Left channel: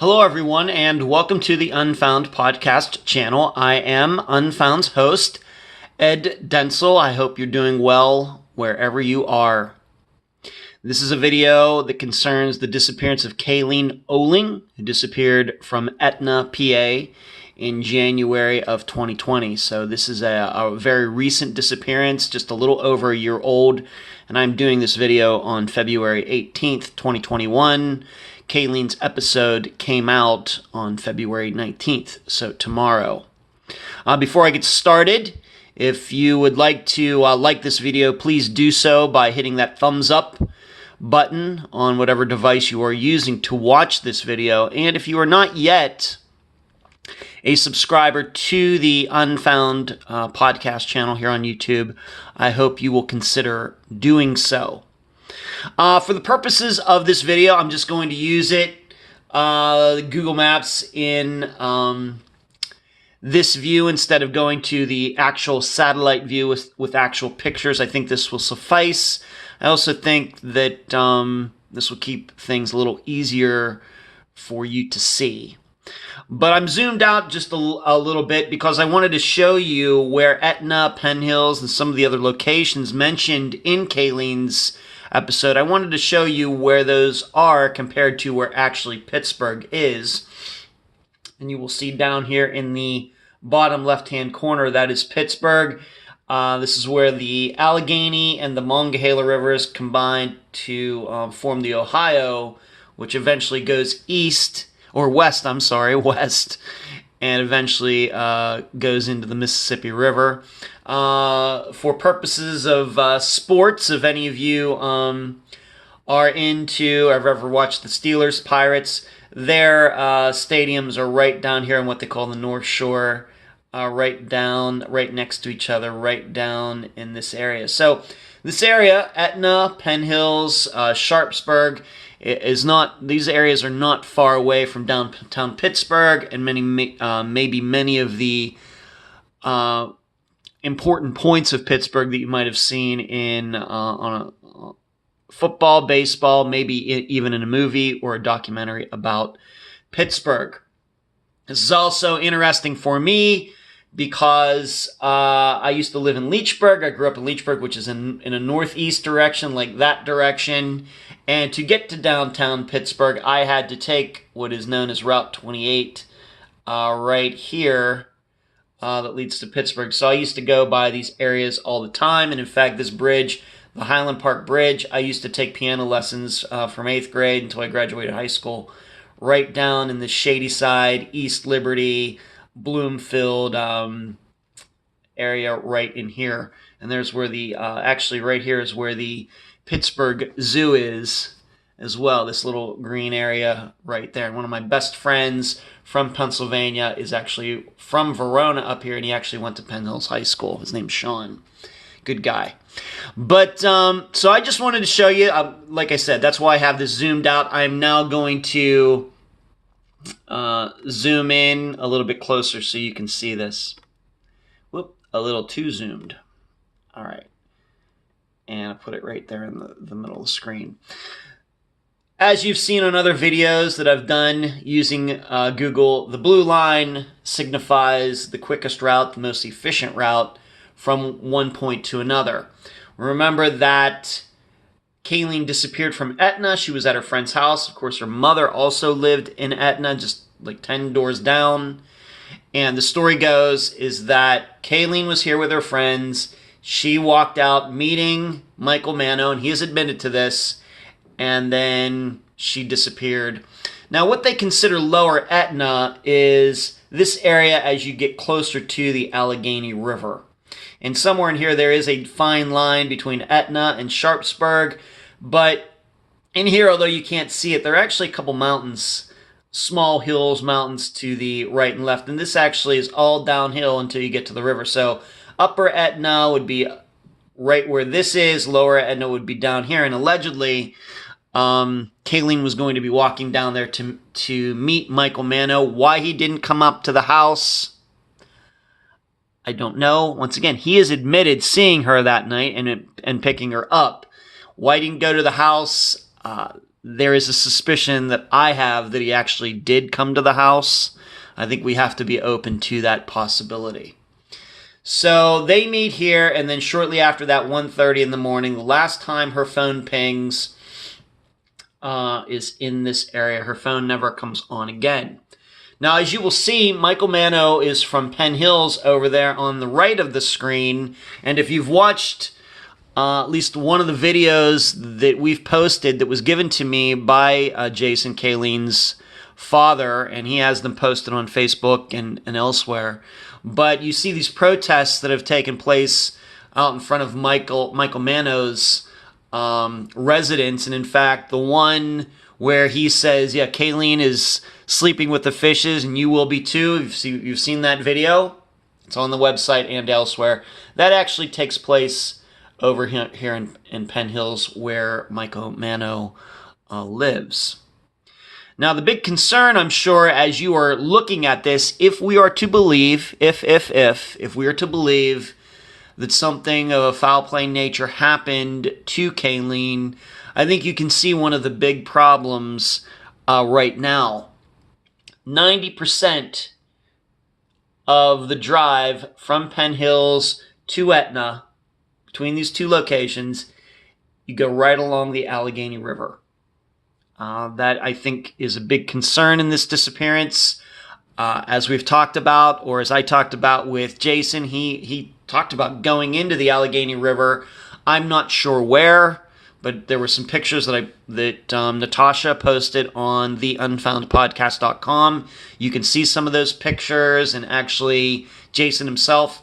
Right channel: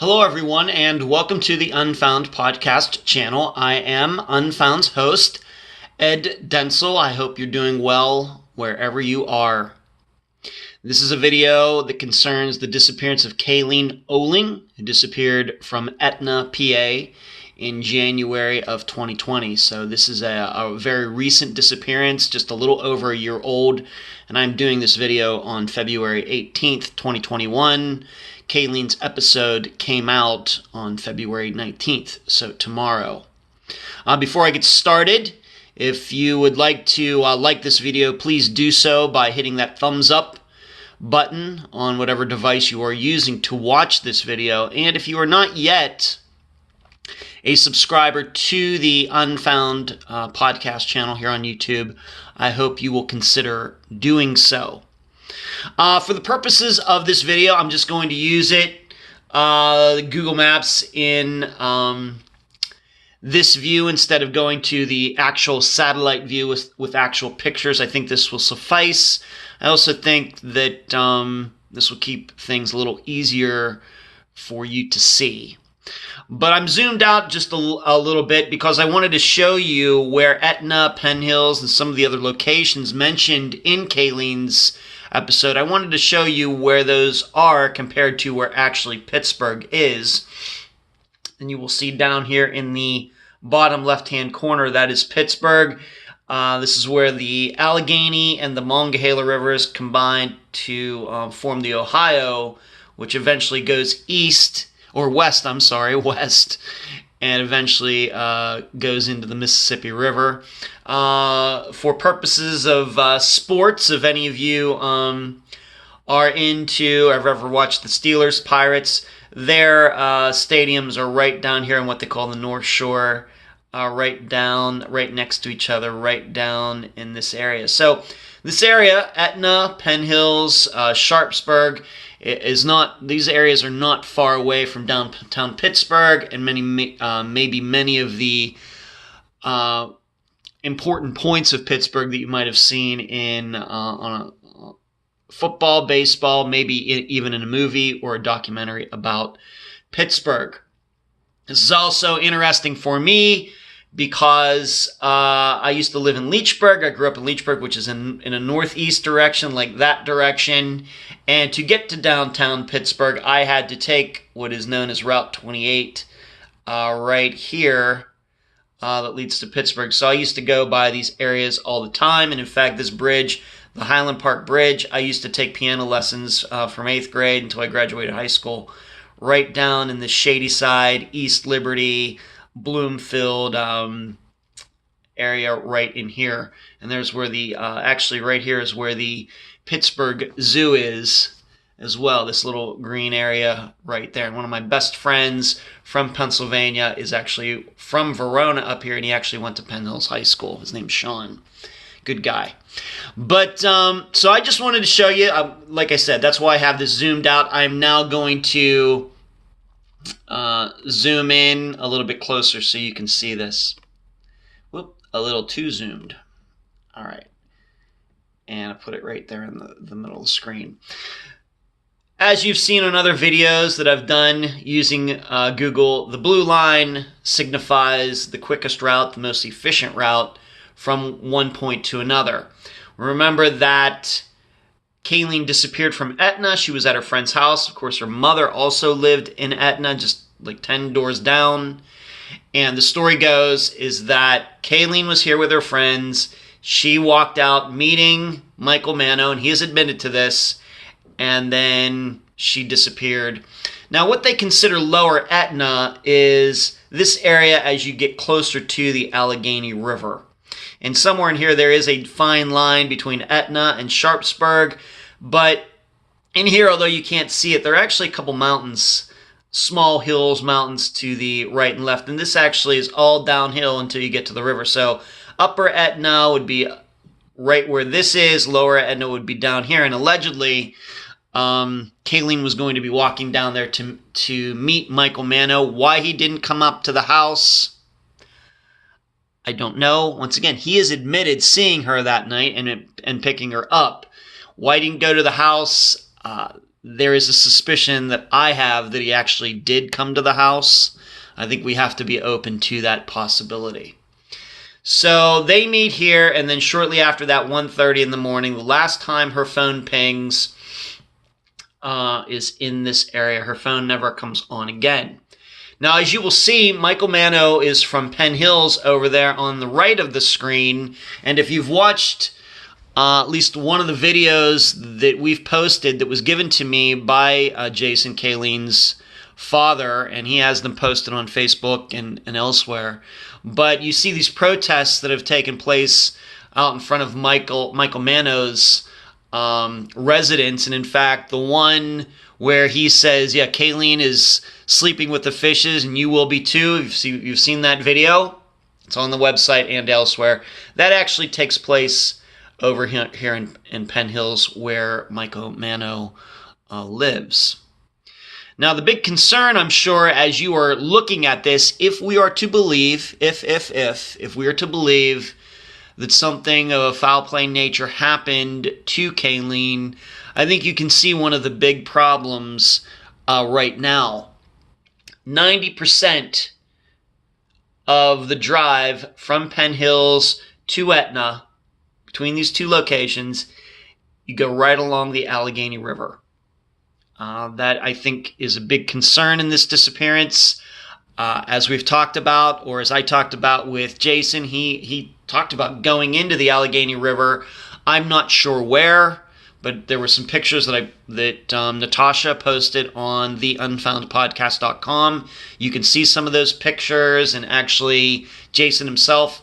Hello, everyone, and welcome to the Unfound podcast channel. I am Unfound's host, Ed Dentzel. I hope you're doing well wherever you are. This is a video that concerns the disappearance of Kayleen Oling, who disappeared from Etna, PA, in January of 2020. So this is a very recent disappearance, just a little over a year old, and I'm doing this video on February 18th, 2021. Kayleen's episode came out on February 19th, so tomorrow. Before I get started, if you would like to like this video, please do so by hitting that thumbs up button on whatever device you are using to watch this video. And if you are not yet a subscriber to the Unfound podcast channel here on YouTube, I hope you will consider doing so. For the purposes of this video, I'm just going to use Google Maps in this view instead of going to the actual satellite view with actual pictures. I think this will suffice. I also think that this will keep things a little easier for you to see. But I'm zoomed out just a little bit because I wanted to show you where Etna, Penn Hills, and some of the other locations mentioned in Kayleen's episode. I wanted to show you where those are compared to where actually Pittsburgh is. And you will see down here in the bottom left-hand corner, that is Pittsburgh. This is where the Allegheny and the Monongahela rivers combine to form the Ohio, which eventually goes west, and eventually goes into the Mississippi River. For purposes of sports, if any of you are into, have ever watched the Steelers, Pirates, their stadiums are right down here in what they call the North Shore, right next to each other, right down in this area. So this area, Etna, Penn Hills, Sharpsburg, these areas are not far away from downtown Pittsburgh, and maybe many of the important points of Pittsburgh that you might have seen in on a football, baseball, maybe even in a movie or a documentary about Pittsburgh. This is also interesting for me because I used to live in Leechburg. I grew up in Leechburg, which is in a northeast direction, like that direction. And to get to downtown Pittsburgh, I had to take what is known as Route 28 right here that leads to Pittsburgh. So I used to go by these areas all the time. And in fact, this bridge, the Highland Park Bridge, I used to take piano lessons from 8th grade until I graduated high school, right down in the Shady Side, East Liberty, Bloomfield area right in here. And there's where actually right here is where the Pittsburgh Zoo is as well, this little green area right there. And one of my best friends from Pennsylvania is actually from Verona up here, and he actually went to Penn Hills High School. His name's Sean. Good guy. But, so I just wanted to show you, like I said, that's why I have this zoomed out. I'm now going to zoom in a little bit closer so you can see this. Whoop, a little too zoomed. All right. And I put it right there in the middle of the screen. As you've seen on other videos that I've done using Google, the blue line signifies the quickest route, the most efficient route from one point to another. Remember that Kayleen disappeared from Etna. She was at her friend's house. Of course, her mother also lived in Etna, just like 10 doors down. And the story goes is that Kayleen was here with her friends. She walked out meeting Michael Mano, and he has admitted to this, and then she disappeared. Now, what they consider Lower Etna is this area as you get closer to the Allegheny River. And somewhere in here, there is a fine line between Etna and Sharpsburg, but in here, although you can't see it, there are actually a couple mountains, small hills, mountains to the right and left, and this actually is all downhill until you get to the river. So Upper Etna would be right where this is. Lower Etna would be down here. And allegedly, Kayleen was going to be walking down there to meet Michael Mano. Why he didn't come up to the house, I don't know. Once again, he has admitted seeing her that night and picking her up. Why he didn't go to the house, there is a suspicion that I have that he actually did come to the house. I think we have to be open to that possibility. So they meet here, and then shortly after that, 1:30 in the morning, the last time her phone pings is in this area. Her phone never comes on again. Now, as you will see, Michael Mano is from Penn Hills over there on the right of the screen. And if you've watched at least one of the videos that we've posted that was given to me by Jason Kayleen's father, and he has them posted on Facebook and elsewhere. But you see these protests that have taken place out in front of Michael Mano's residence. And in fact, the one where he says, yeah, Kayleen is sleeping with the fishes and you will be too. You've seen that video. It's on the website and elsewhere. That actually takes place over here in Penn Hills where Michael Mano lives. Now, the big concern, I'm sure, as you are looking at this, if we are to believe, if we are to believe that something of a foul play nature happened to Kayleen, I think you can see one of the big problems right now. 90% of the drive from Penn Hills to Etna, between these two locations, you go right along the Allegheny River. That, I think, is a big concern in this disappearance. As we've talked about, or as I talked about with Jason, he talked about going into the Allegheny River. I'm not sure where, but there were some pictures that Natasha posted on theunfoundpodcast.com. You can see some of those pictures, and actually Jason himself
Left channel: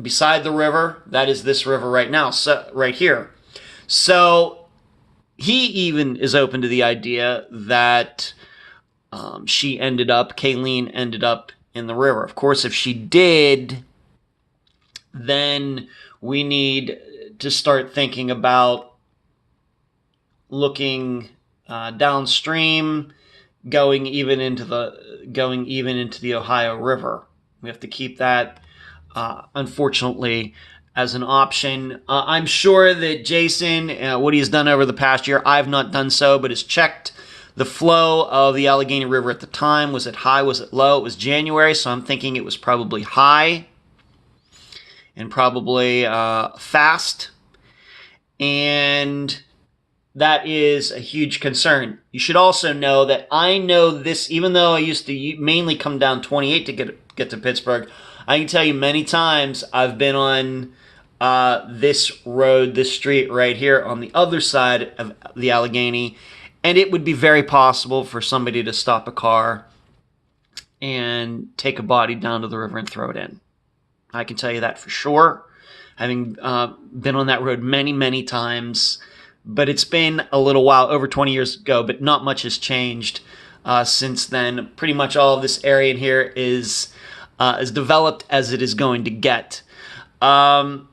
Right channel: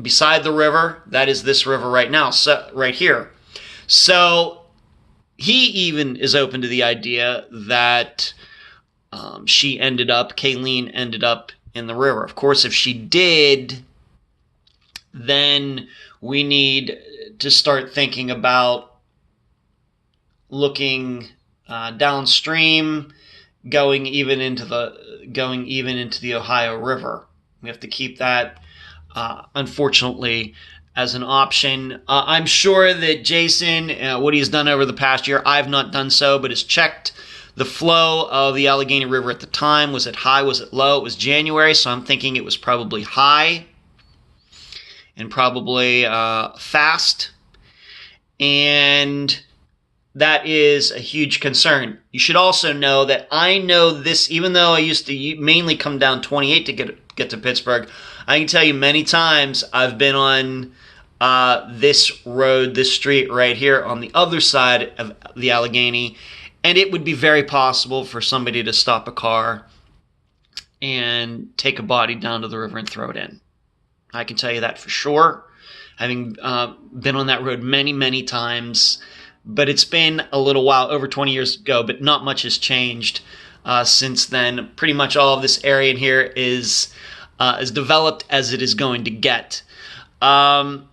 beside the river. That is this river right now, so right here. So he even is open to the idea that Kayleen ended up in the river. Of course, if she did, then we need to start thinking about looking downstream, going even into the Ohio River. We have to keep that, unfortunately, as an option. I'm sure that Jason, what he's done over the past year, I've not done so, but has checked the flow of the Allegheny River at the time. Was it high? Was it low? It was January, so I'm thinking it was probably high and probably fast. And that is a huge concern. You should also know that I know this, even though I used to mainly come down 28 to get to Pittsburgh, I can tell you many times I've been on this road, this street right here on the other side of the Allegheny, and it would be very possible for somebody to stop a car and take a body down to the river and throw it in. I can tell you that for sure, having been on that road many, many times. But it's been a little while, over 20 years ago, but not much has changed since then. Pretty much all of this area in here is as developed as it is going to get. So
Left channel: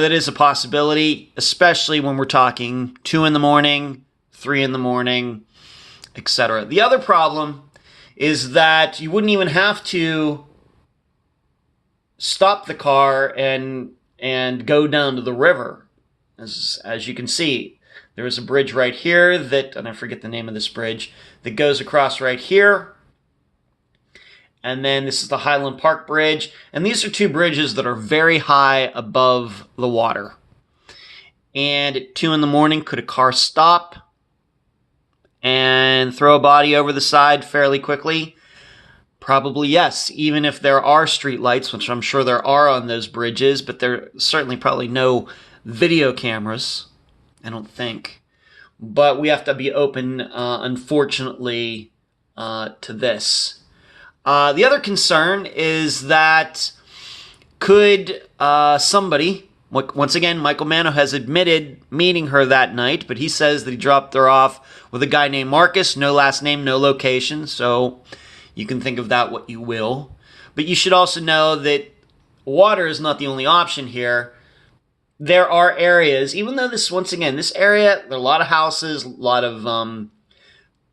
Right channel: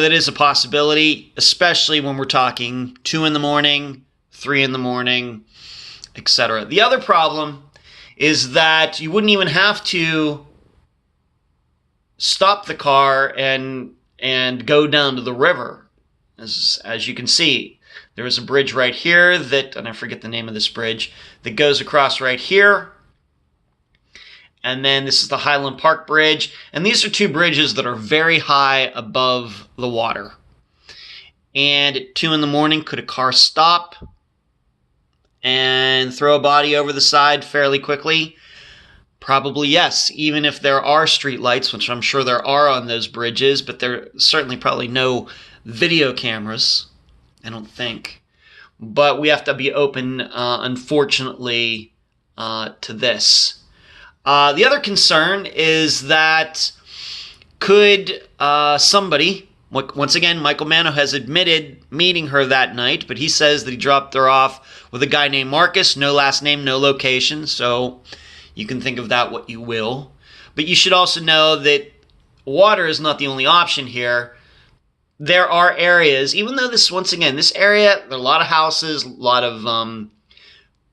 that is a possibility, especially when we're talking 2 in the morning, 3 in the morning, etc. The other problem is that you wouldn't even have to stop the car and go down to the river. As you can see, there is a bridge right here and I forget the name of this bridge, that goes across right here. And then this is the Highland Park Bridge. And these are two bridges that are very high above the water. And at 2 in the morning, could a car stop and throw a body over the side fairly quickly? Probably yes, even if there are street lights, which I'm sure there are on those bridges, but there certainly probably no video cameras, I don't think. But we have to be open, unfortunately, to this. The other concern is that could somebody, once again, Michael Mano has admitted meeting her that night, but he says that he dropped her off with a guy named Marcus, no last name, no location, so you can think of that what you will. But you should also know that water is not the only option here. There are areas, even though this area, there are a lot of houses, a lot of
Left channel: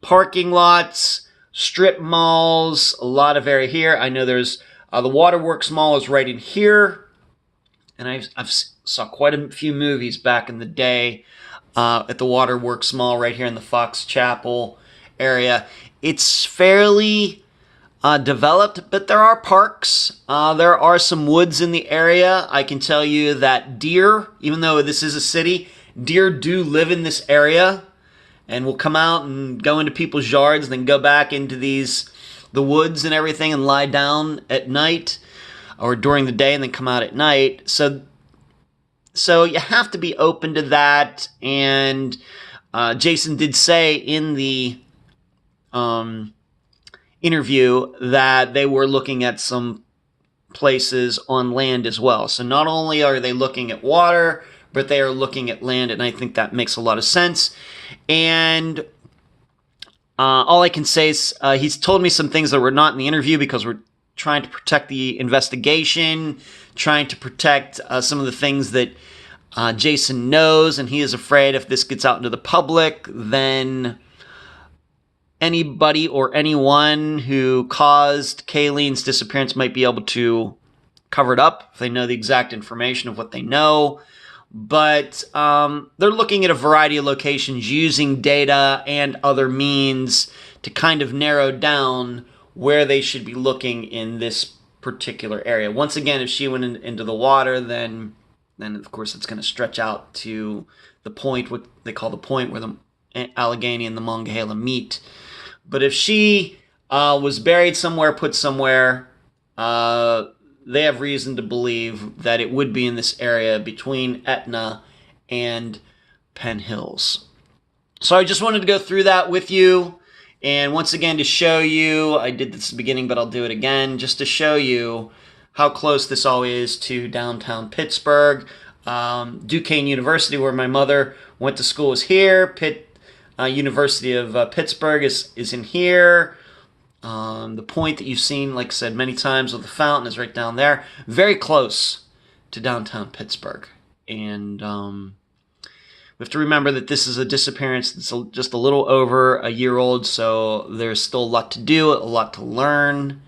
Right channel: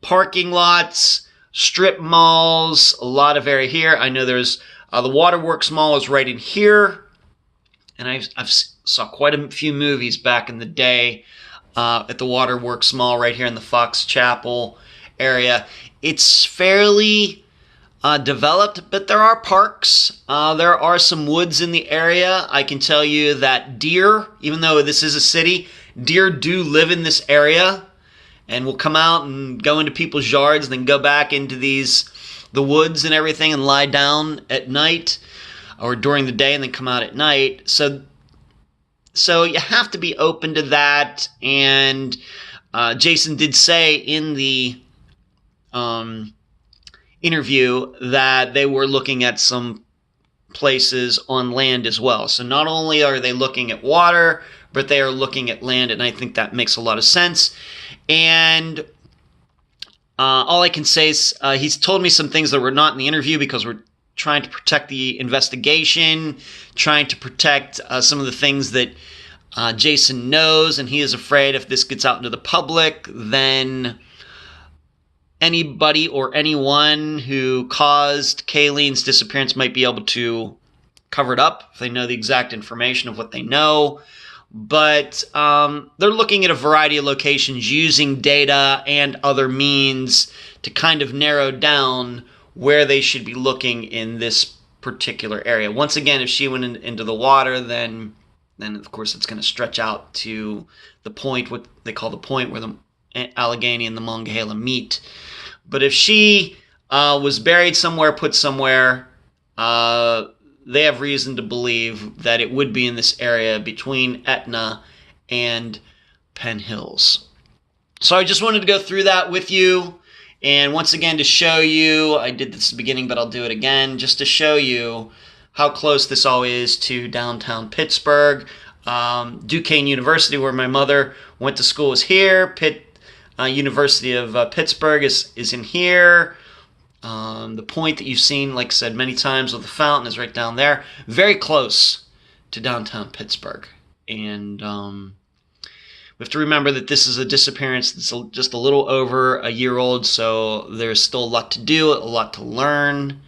parking lots, strip malls, a lot of area here. I know there's the Waterworks Mall is right in here, and I've saw quite a few movies back in the day at the Waterworks Mall right here in the Fox Chapel area. It's fairly developed, but there are parks. There are some woods in the area. I can tell you that deer, even though this is a city, deer do live in this area and will come out and go into people's yards and then go back into the woods and everything and lie down at night or during the day and then come out at night. So you have to be open to that. And Jason did say in the interview that they were looking at some places on land as well. So not only are they looking at water, but they are looking at land, and I think that makes a lot of sense. And all I can say is he's told me some things that were not in the interview because we're trying to protect the investigation, trying to protect some of the things that Jason knows, and he is afraid if this gets out into the public, then anybody or anyone who caused Kayleen's disappearance might be able to cover it up if they know the exact information of what they know. But they're looking at a variety of locations using data and other means to kind of narrow down where they should be looking in this particular area. Once again, if she went into the water, then of course it's going to stretch out to the point, what they call the point where the Allegheny and the Monongahela meet. But if she was buried somewhere, put somewhere, they have reason to believe that it would be in this area between Etna and Penn Hills. So I just wanted to go through that with you. And once again, to show you, I did this at the beginning, but I'll do it again, just to show you how close this all is to downtown Pittsburgh. Duquesne University, where my mother went to school, is here. University of Pittsburgh is in here. The point that you've seen, like I said many times, with the fountain is right down there. Very close to downtown Pittsburgh. And we have to remember that this is a disappearance that's just a little over a year old, so there's still a lot to do, a lot to learn.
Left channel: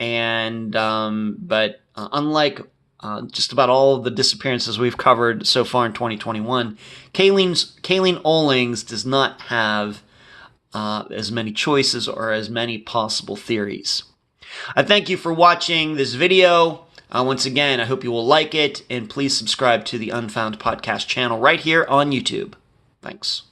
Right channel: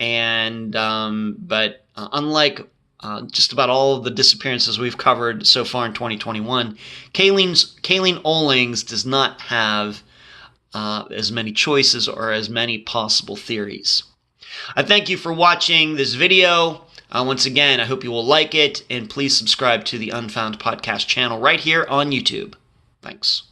And but unlike just about all of the disappearances we've covered so far in 2021, Kayleen Olings does not have as many choices or as many possible theories. I thank you for watching this video. Once again, I hope you will like it, and please subscribe to the Unfound Podcast channel right here on YouTube. Thanks.